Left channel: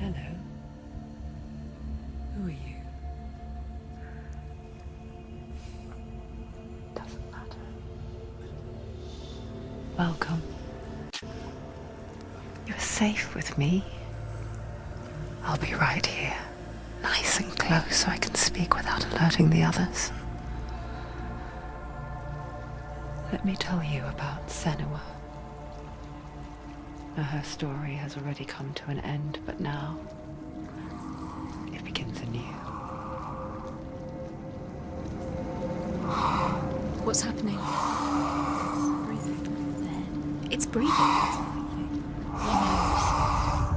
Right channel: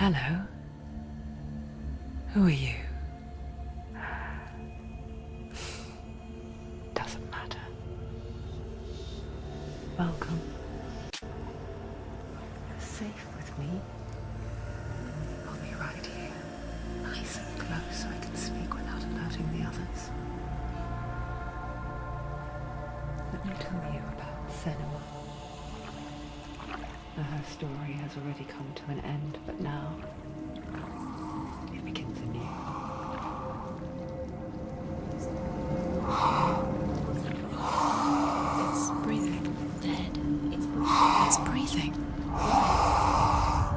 Hello. Who are you? Doesn't matter. Welcome. You're safe with me. I'll be right here, nice and close so I can speak without alerting the others. Let me tell you about Senua. Her story has already come to an end, but now it begins anew. What's happening? It's breathing. Dead. It's breathing. It's breathing.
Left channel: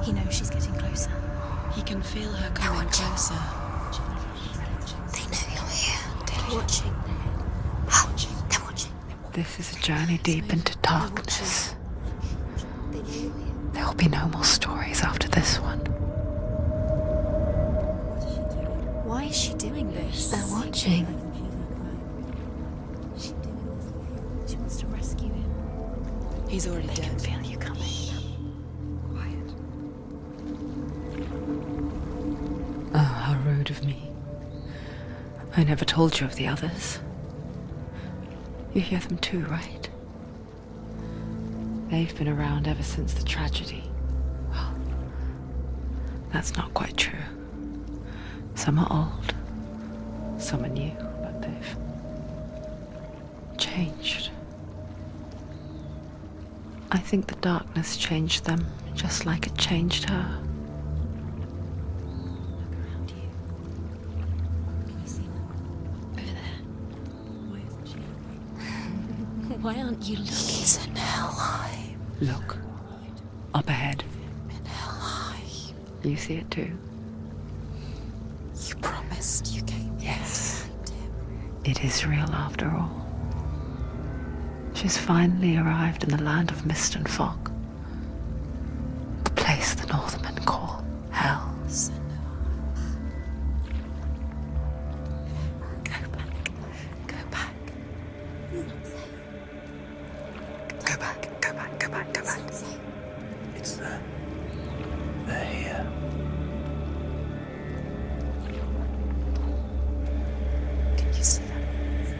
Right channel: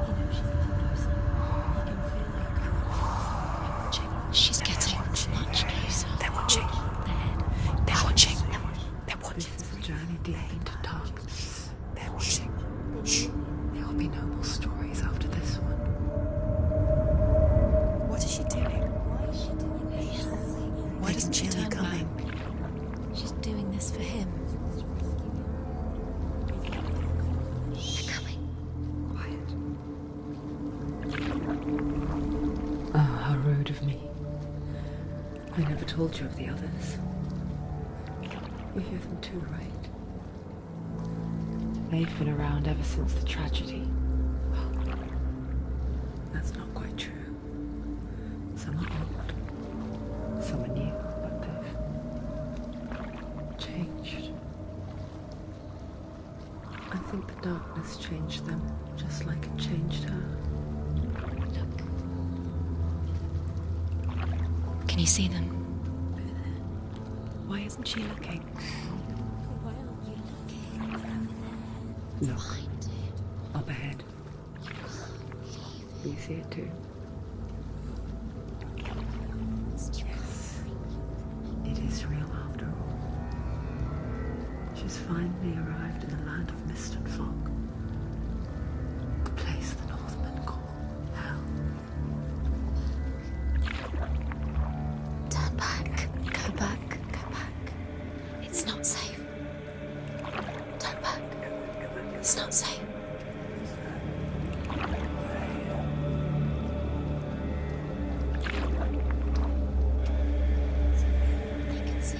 He knows she's getting closer. He can feel her coming closer. She's getting. They know I'm here. They're watching. They're watching. They're watching. They're watching. This is a journey deep into darkness. There will be no more stories after this one. What is she doing? Why is she doing this? They're watching. Why doesn't she turn coming? She's doing this for him. She wants to rescue him. He's already dead. I can feel you coming. Quiet. Oh, how rude of me. I never told you of the others. You hear them too, right? They've been around ever since the tragedy. Well, that's not quite true. Some are old, some are new, but they've changed. I think the darkness changed them, just like it changed her. Look around you. Can you see them? Over there. Why isn't she looking? Why aren't you looking? He's in hell high. Look, up ahead. In hell high. You see it too? You promised you came. Yes. It is real after all. She's finally arrived in the land of mist and fog. The place the Northmen call Hell. Turn back. Go back. Go back. It's not safe. Go back. It's not safe. It's them. They're here. Can you see that? I can see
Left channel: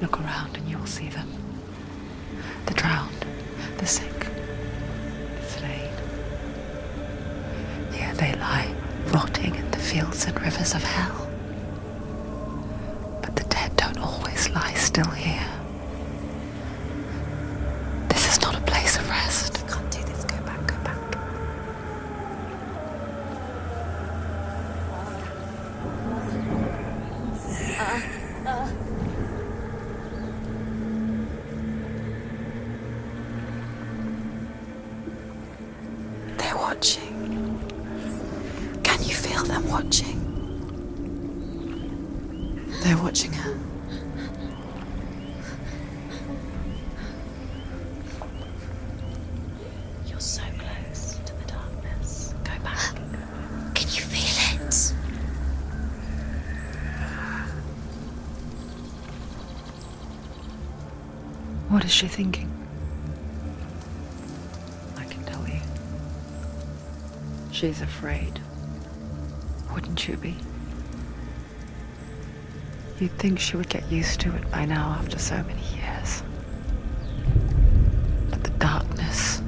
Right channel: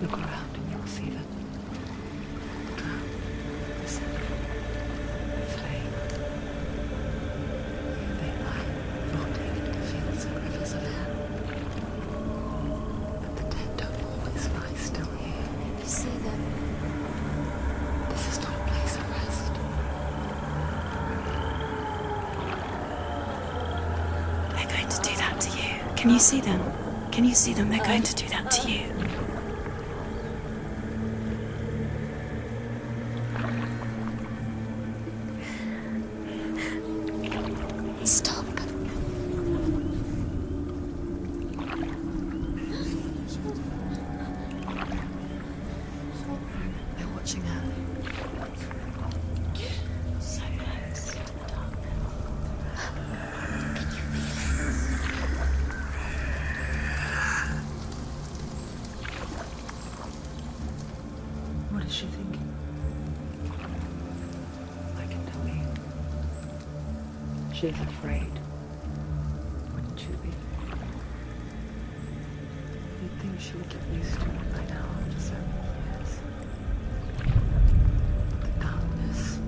Look around and you will see them. The drowned, the sick, the slain. Here they lie, rotting in the fields and rivers of hell. But the dead don't always lie still here. You see them? This is not a place of rest. I can't do this. Go back. Go back. They're going to do that to you. Can you see them? Can you see them? They're going to do that to you. They're watching. Stop. Can you feel them watching? They're watching her. They're watching her. You're so close to the darkness. Go back. Can you feel it? What is she thinking? I can tell you. She's afraid. Wouldn't you be? You'd think she would get used to it by now after so many years. But the darkness,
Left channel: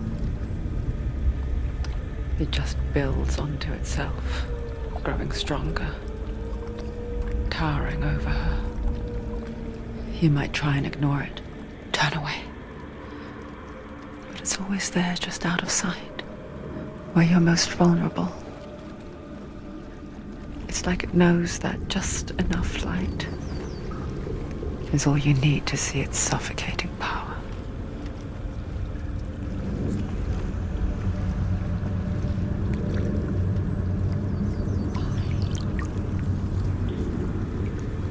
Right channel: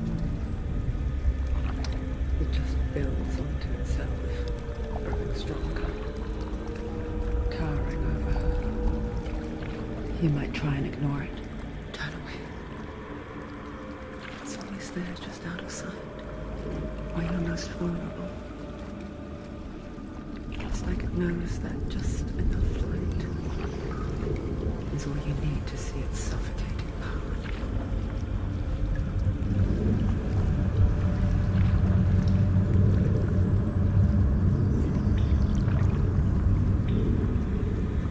it just builds onto itself, growing stronger, towering over her. You might try and ignore it, turn away. But it's always there, just out of sight, where you're most vulnerable. It's like it knows that just enough light is all you need to see its suffocating power.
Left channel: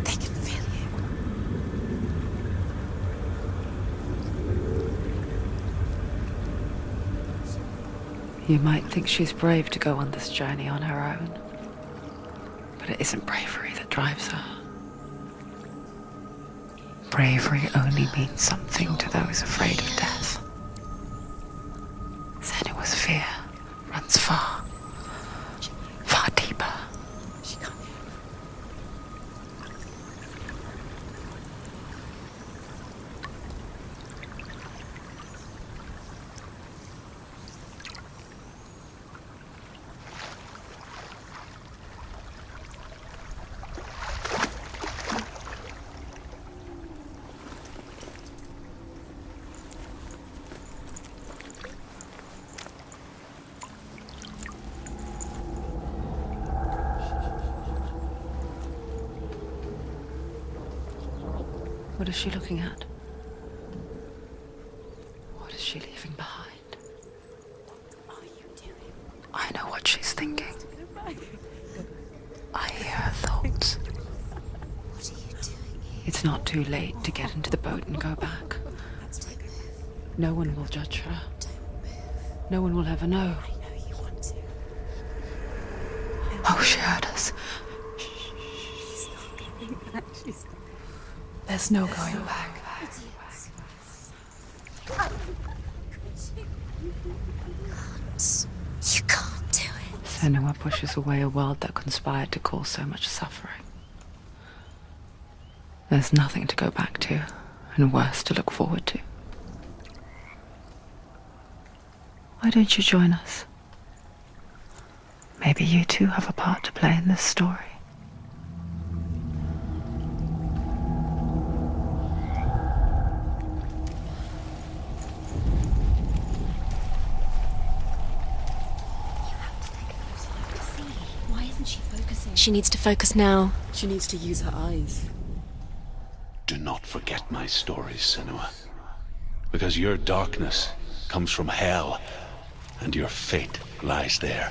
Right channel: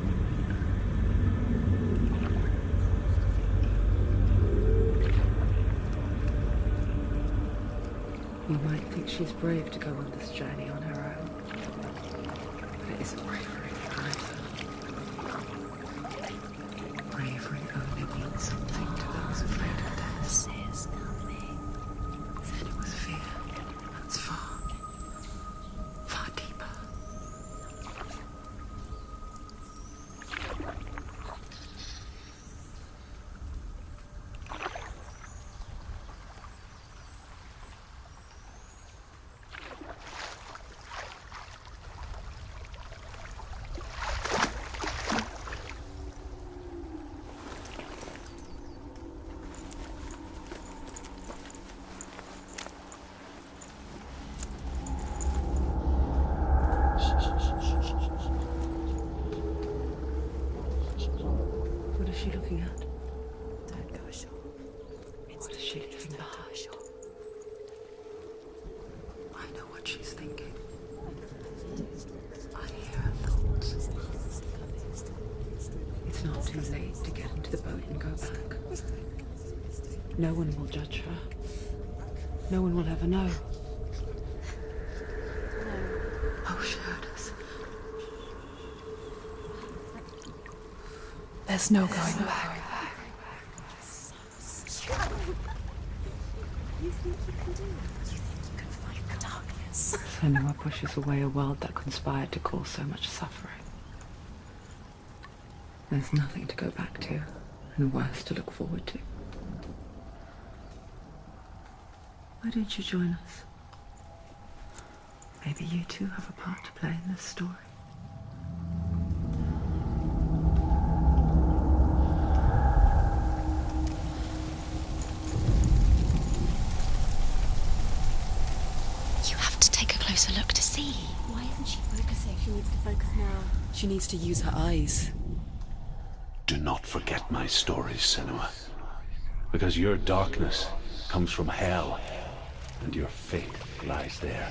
They can feel you. You might think she's brave to go on this journey on her own, but it isn't bravery that drives her. bravery only means something to those afraid of death. Senua's fear runs far, far deeper. What is she looking at? What is she leaving behind? I know what she's thinking. I hear her thoughts. It's not too late to get into the boat and go back. No one will judge her. No one will ever know. Oh, she heard us. There's no going back. You can't do it. Senua pushes away a world that conspired to cause so much suffering. There's nothing to go back to, and worse to look forward to. Why don't you join us? Maybe you too have a part to play in this story. Look to see. Why isn't she focusing? She needs to focus now. She needs to use her eyes. Do not forget my stories, Senua. Because your darkness comes from hell, and your fate lies there.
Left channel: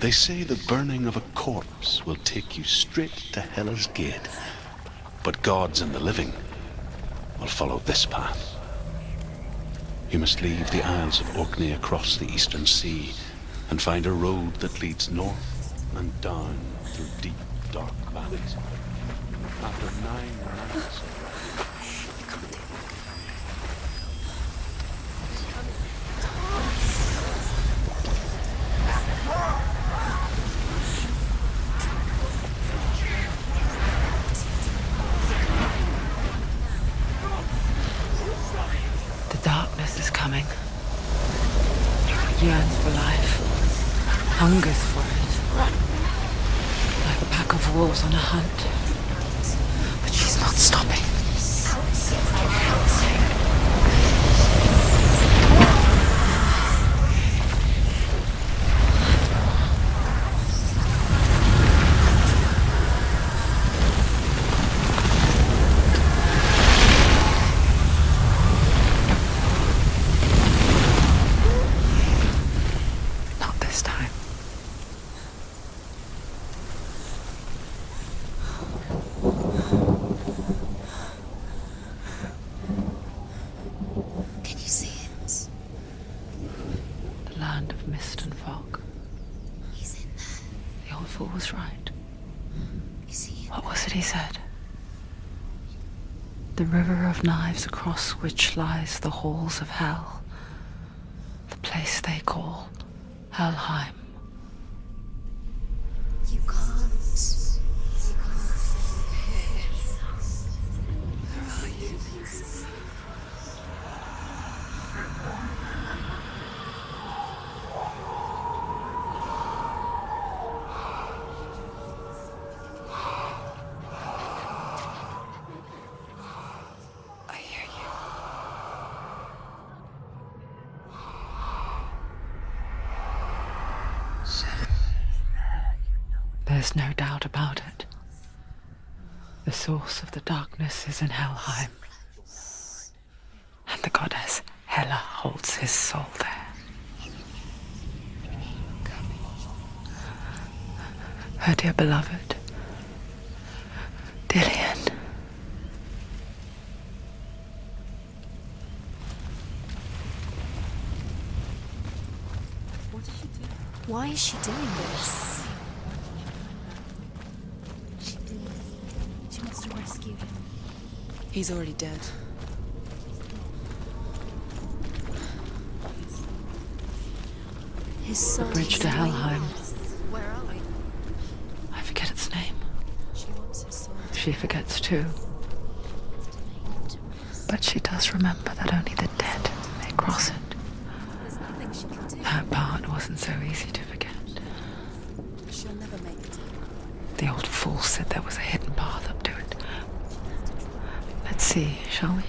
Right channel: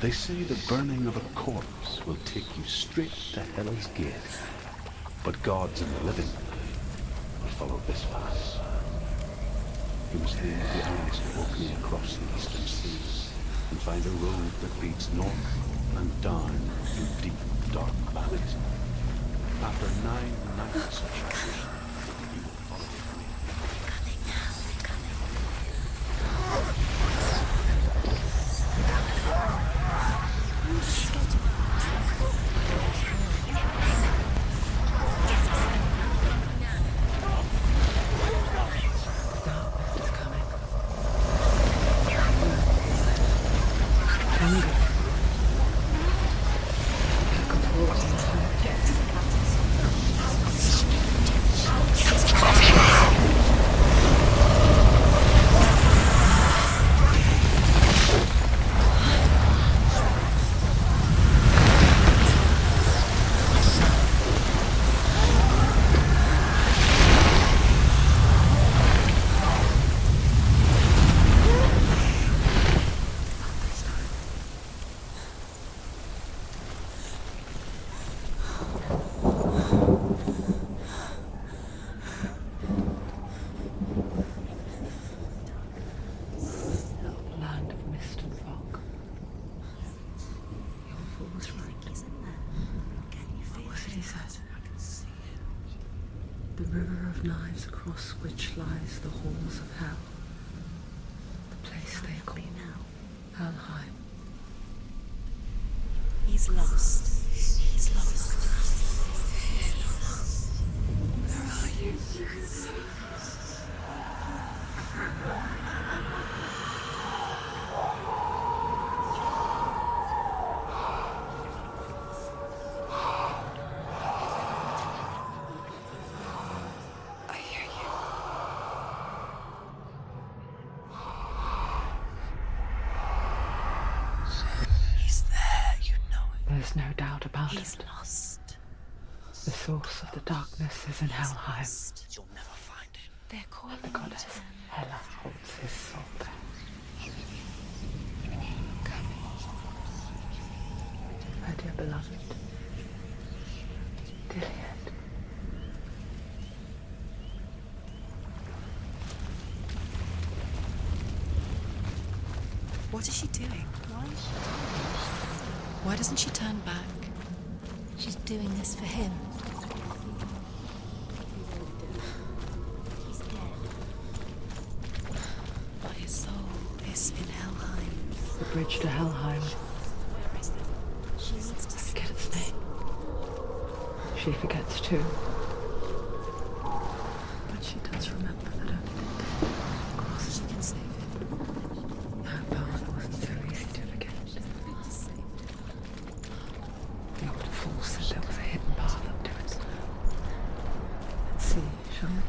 They say the burning of a corpse will take you straight to Hell's Gate. But gods and the living will follow this path. You must leave the Isles of Orkney across the eastern sea and find a road that leads north and down through deep, dark valleys. After 9 nights The darkness is coming. Yearns for life. Hungers for it. Like a pack of wolves on a hunt. But she's not stopping. Not this time. Can you see it? The land of mist and fog. He's in there. The old fool was right. You see? What was it he said? The river of knives across which lies the halls of hell. The place they call Helheim. He's lost. He's lost. Where are you? I hear you. He's there, you know it. There's no doubt about He's it. lost. The source of the darkness is in Helheim, They're called and the goddess Hela holds his soul there. Her dear beloved, Dillian. What is she doing? Why is she doing this? Why doesn't she turn back? She's doing this for him. She wants to rescue him. He's already dead. His soul is in Helheim. His soul. The bridge to Helheim. I forget its name. She forgets too. But she does remember that only the dead may cross it. That part wasn't so easy to forget. The old fool said there was a hidden path up to it. Let's see, shall we?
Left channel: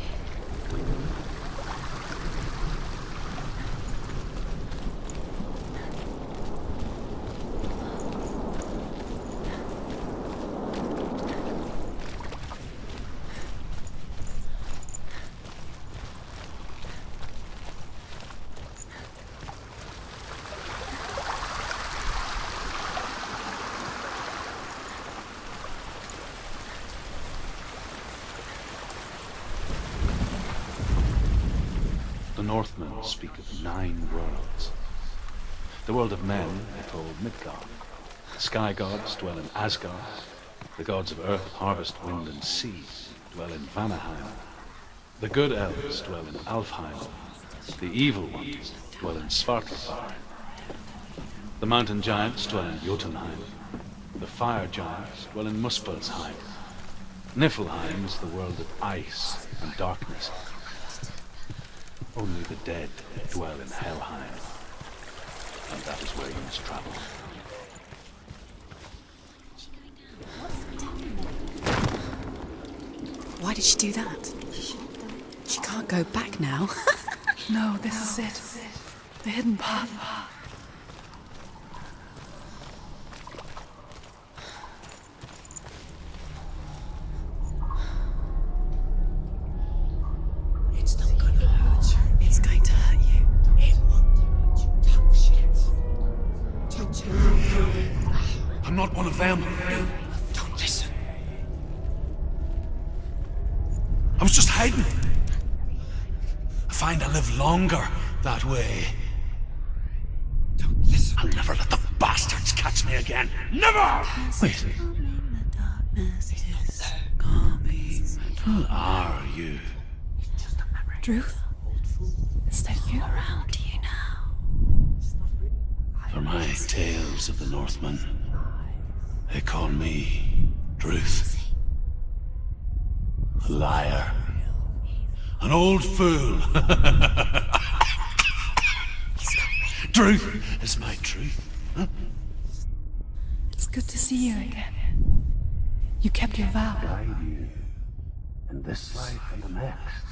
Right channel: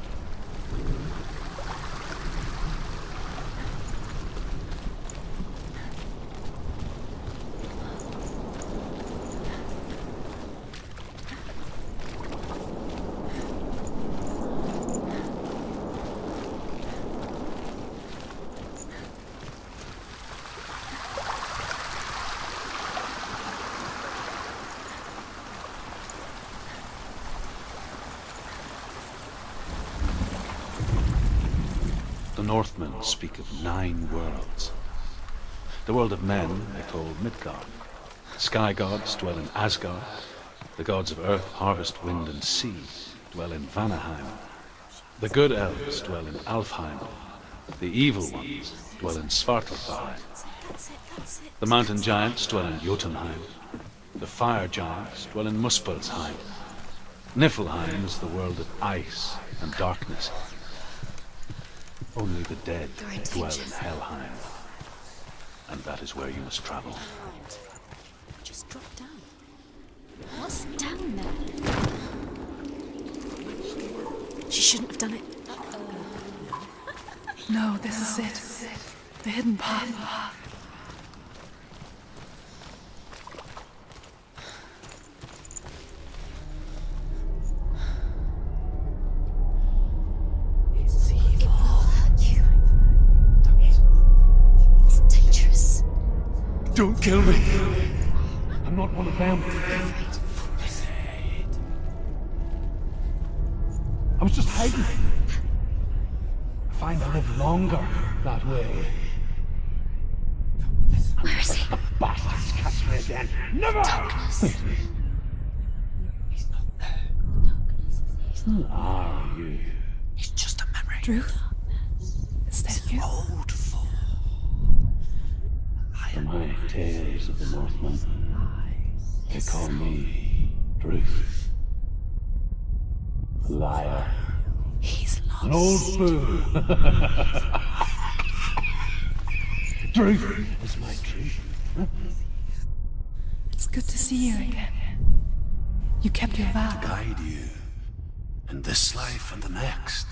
The Northmen speak of 9 worlds. The world of men they call Midgard. The sky gods dwell in Asgard. The gods of earth, harvest, wind, and sea dwell in Vanaheim. The good elves dwell in Alfheim. The evil ones dwell in Svartalfheim. The mountain giants dwell in Jotunheim. The fire giants dwell in Muspelheim. Niflheim is the world of ice and darkness. Only the dead dwell in Helheim. And that is where you must travel. Just drop down. What's down there? Why did she do that? She shouldn't have done it. She can't go back now. No, this is it. The hidden path. It's going to hurt you. It's dangerous. Don't kill me. I'm not one of them. Don't listen. I was just hiding. I find I live longer that way. Don't listen. I'll never let the bastards catch me again. Never! Wait. Who are you? It's just a memory. Druth? Is that you? Around you now. For my tales of the Northmen, they call me Druth. A liar. He's lost. An old fool. Truth is my truth. It's good to see you again. You kept your vow. Guide you in this life and the next.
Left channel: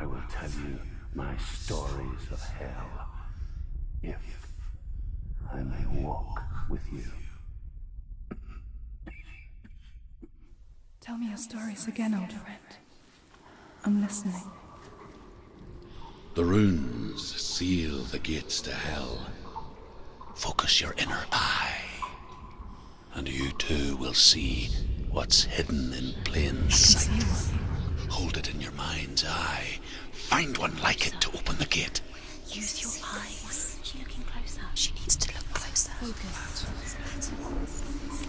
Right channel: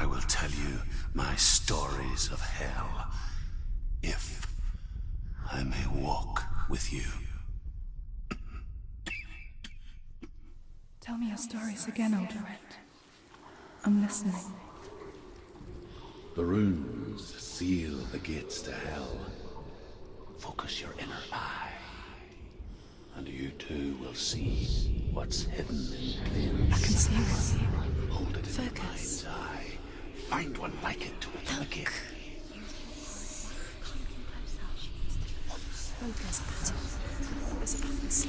I will tell you my stories of hell, if I may walk with you. Tell me your stories again, old friend. I'm listening. The runes seal the gates to hell. Focus your inner eye, and you too will see what's hidden in plain I can sight. see one. Hold it in your mind's eye. Find one like it to open the gate. Use your eyes. She looking closer. She needs to look closer. Focus. What was inside?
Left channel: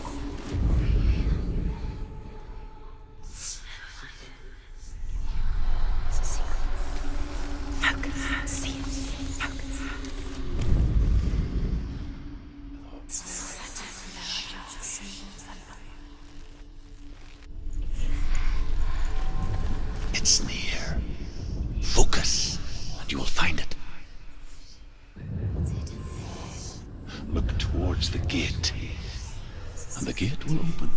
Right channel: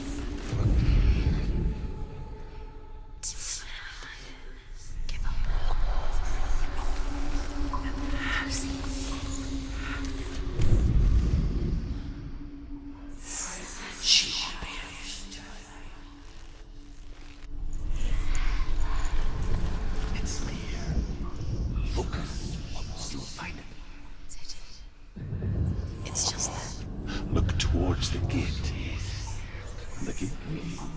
Give up. See. It's near. Focus, and you will find it. It's just that. Look towards the gate, and the gate will open.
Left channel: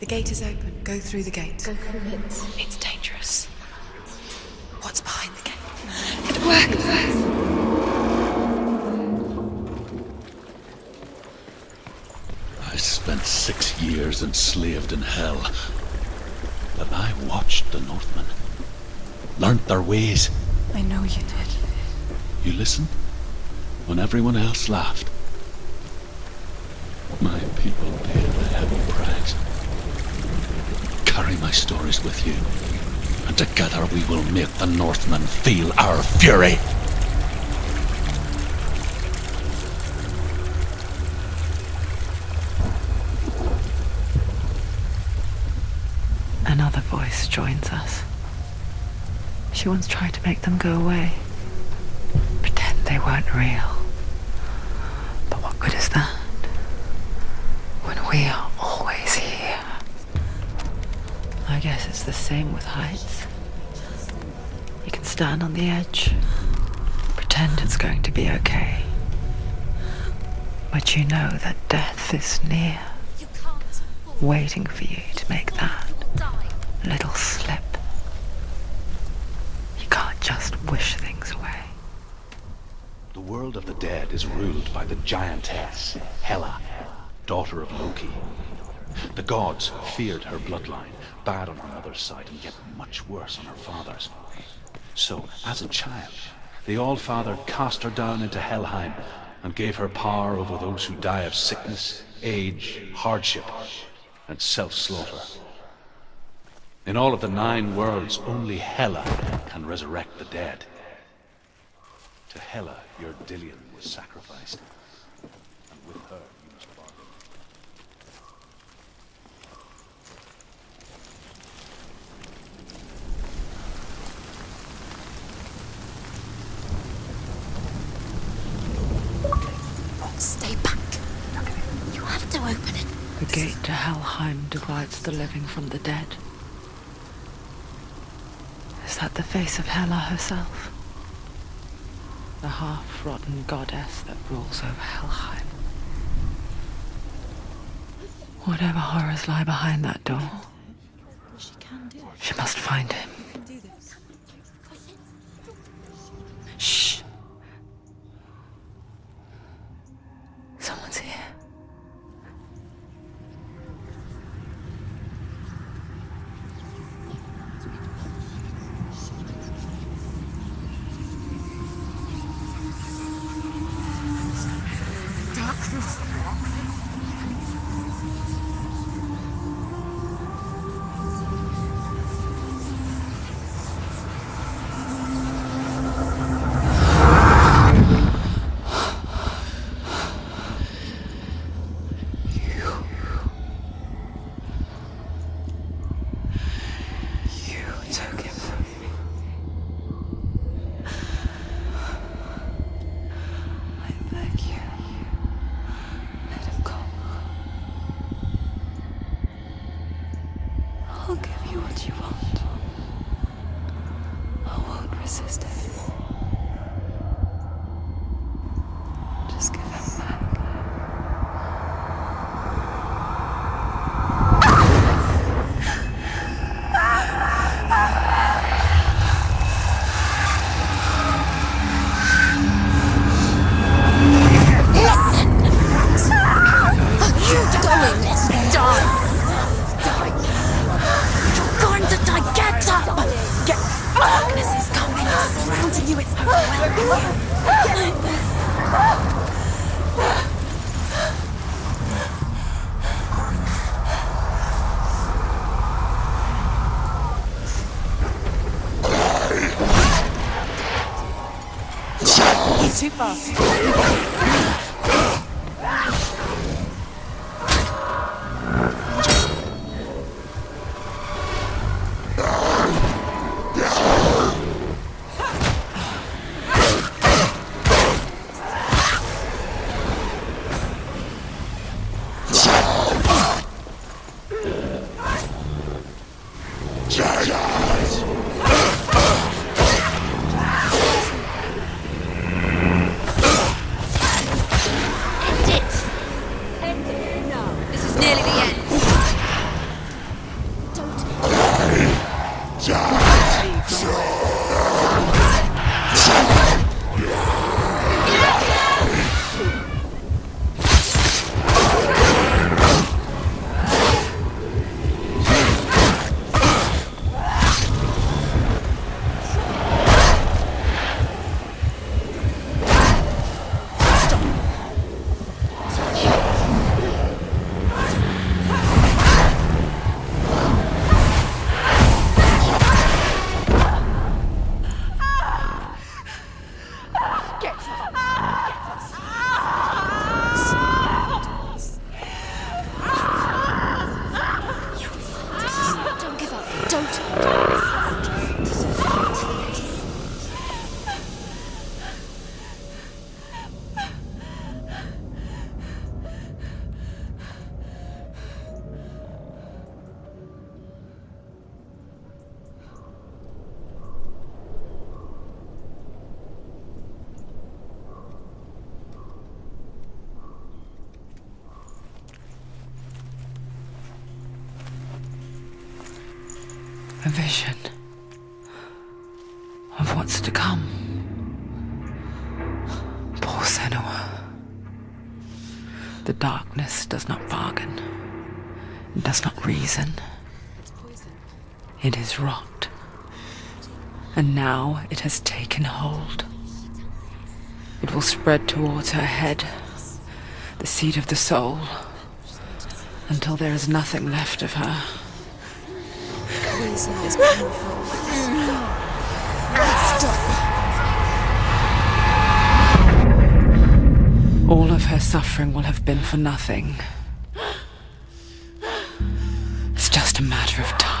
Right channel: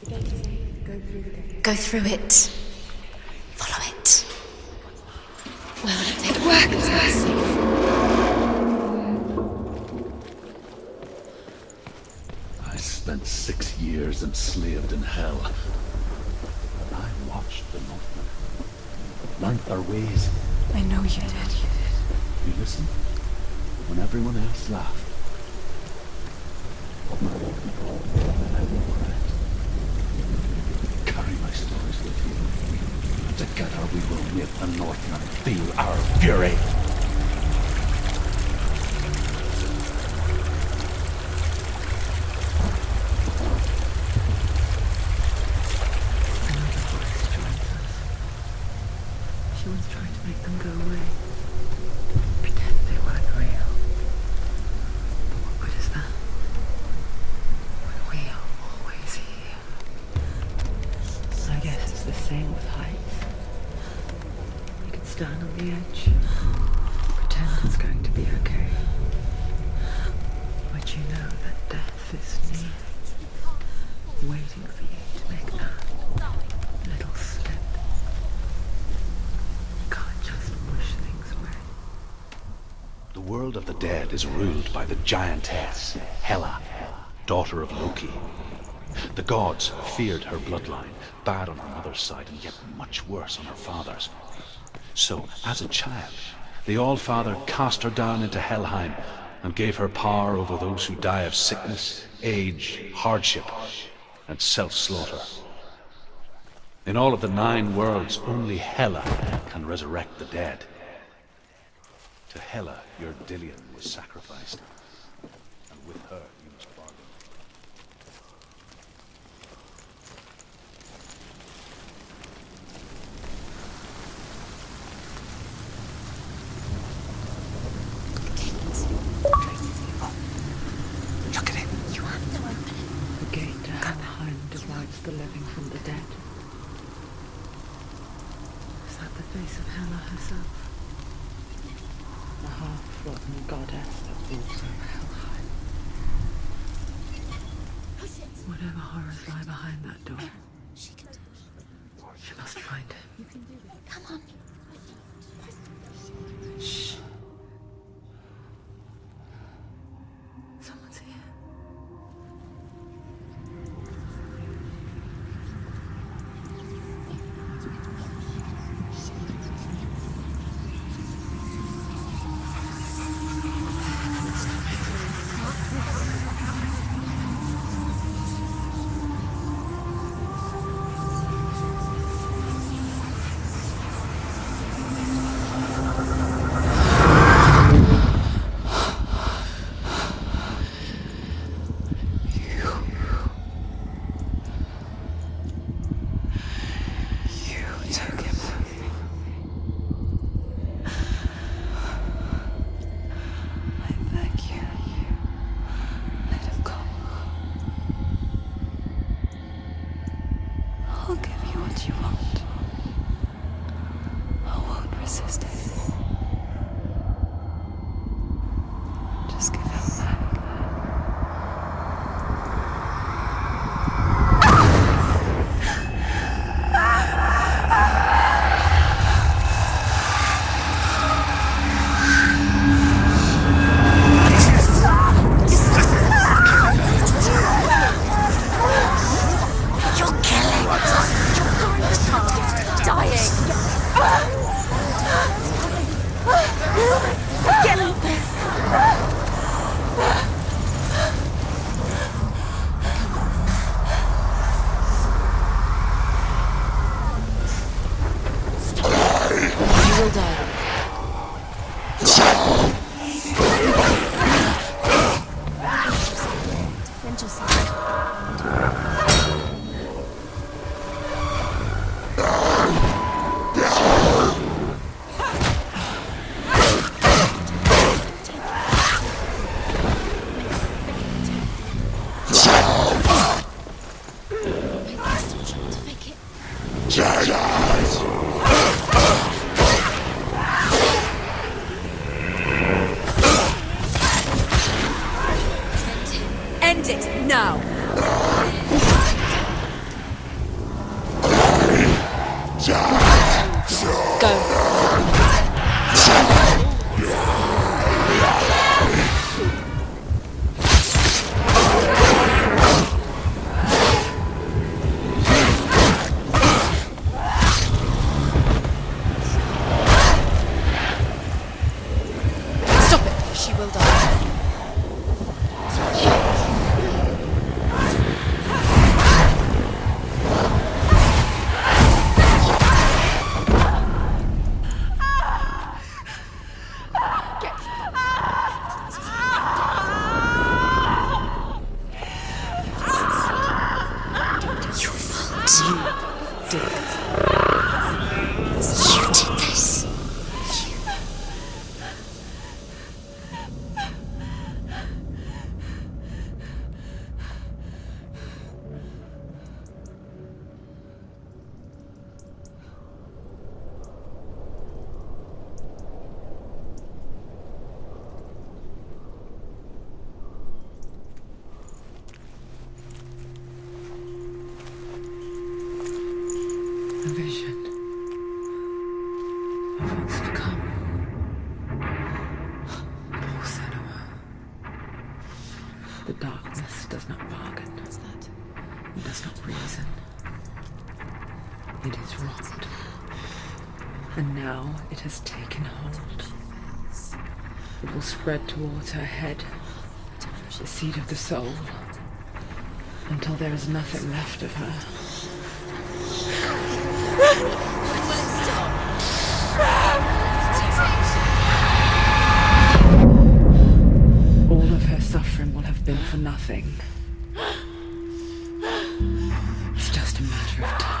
The gate is open. Go through the gate. Go through it. It's dangerous. Follow it. What's behind the gate? It worked! I spent 6 years enslaved in hell. But I watched the Northmen. Learned their ways. I know you did. You listened when everyone else laughed. My people paid a heavy price. Carry my stories with you, and together we will make the Northmen feel our fury. another voice joins us. She once tried to make them go away. Pretend they weren't real. But what good is that? When we are always here. I guess it's the same with heights. You can stand on the edge, pretend it's going to be okay. But you know that death is near, waiting for you to make that little slip. You can't just wish things away. The world of the dead is ruled by the giantess, Hela, daughter of Loki. The gods feared her bloodline, bad on her mother's side and yet much worse on her father's. So, as a child, the All-Father cast her down into Helheim and gave her power over those who die of sickness, age, hardship, and self-slaughter. In all of the 9 worlds, only Hela can resurrect the dead. To Hela, your Dillion was sacrificed, and with her you must bargain. Stay back. Look at it. You have to open it. The gate to Helheim divides the living from the dead. Is that the face of Hela herself? The half-rotten goddess that rules over Helheim. Whatever horrors lie behind that door, she must find him. Shh. Someone's here. I'll give you what you want. I won't resist anymore. Just give him back. Too far. You did this. A vision of what's to come. Poor Senua. The darkness does not bargain, it does not reason. It is rot. And now it has taken hold. It will spread towards her head, the seat of the soul, until there is nothing left of her. All of her suffering will have been for nothing. It's just a matter of time.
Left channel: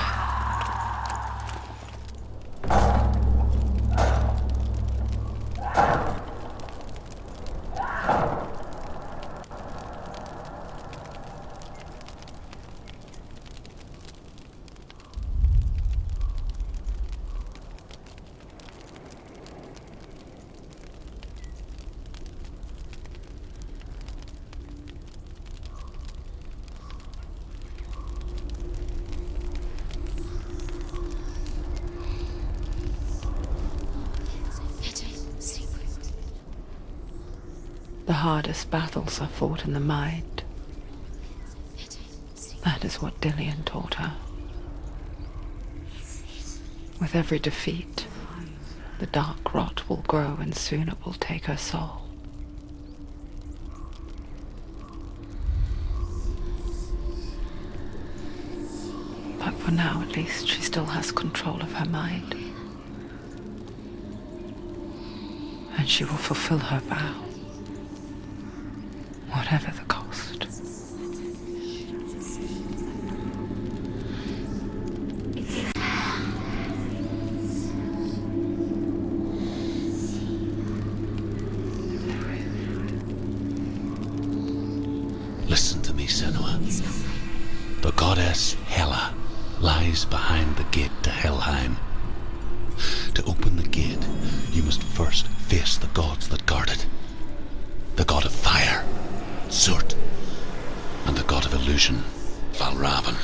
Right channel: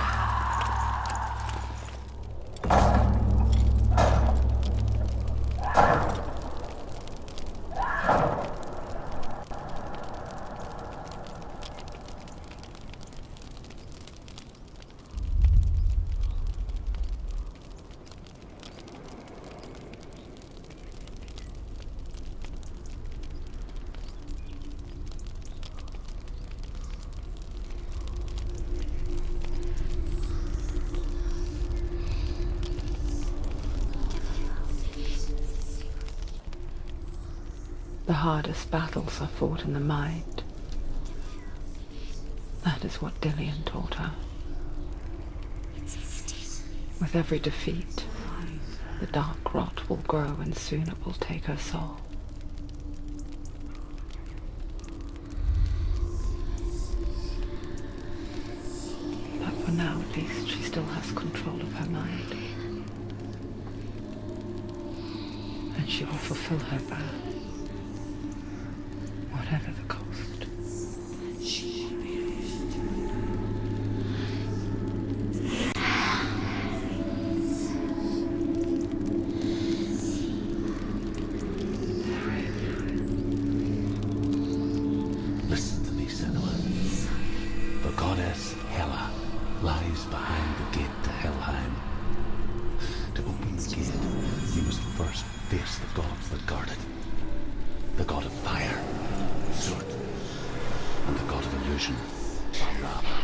The hardest battles are fought in the mind. That is what Dillian taught her. With every defeat, the dark rot will grow and soon it will take her soul. But for now, at least, she still has control of her mind. And she will fulfill her vow. Whatever the cost. Listen to me, Senua. The goddess Hela lies behind the gate to Helheim. To open the gate, you must first face the gods that guard it. The god of fire, Surt, and the god of illusion, Valravan.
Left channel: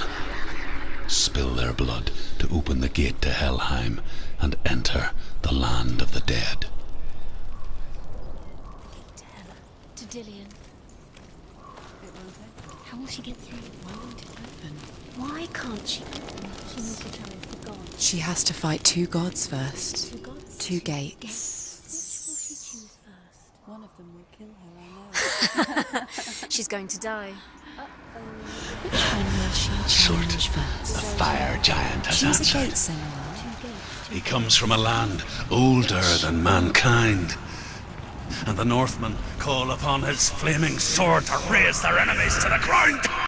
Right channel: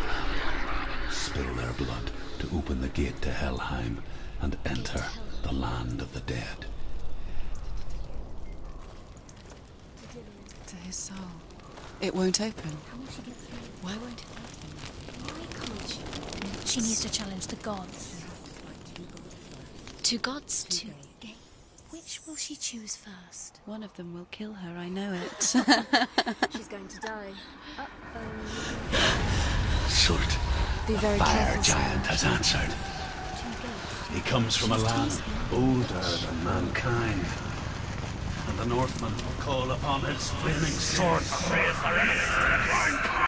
Spill their blood to open the gate to Helheim and enter the land of the dead. To Dillian. To his soul. It won't open. How will she get through? Why won't it open? Why can't she? She needs to challenge the gods. She has to fight two gods first. Two gods? Two gates. Which will she choose first? One of them will kill her, I know it. She's going to die. Surt, the fire giant, has answered. He comes from a land older than mankind. And the Northmen call upon his flaming sword to raze their enemies to the ground.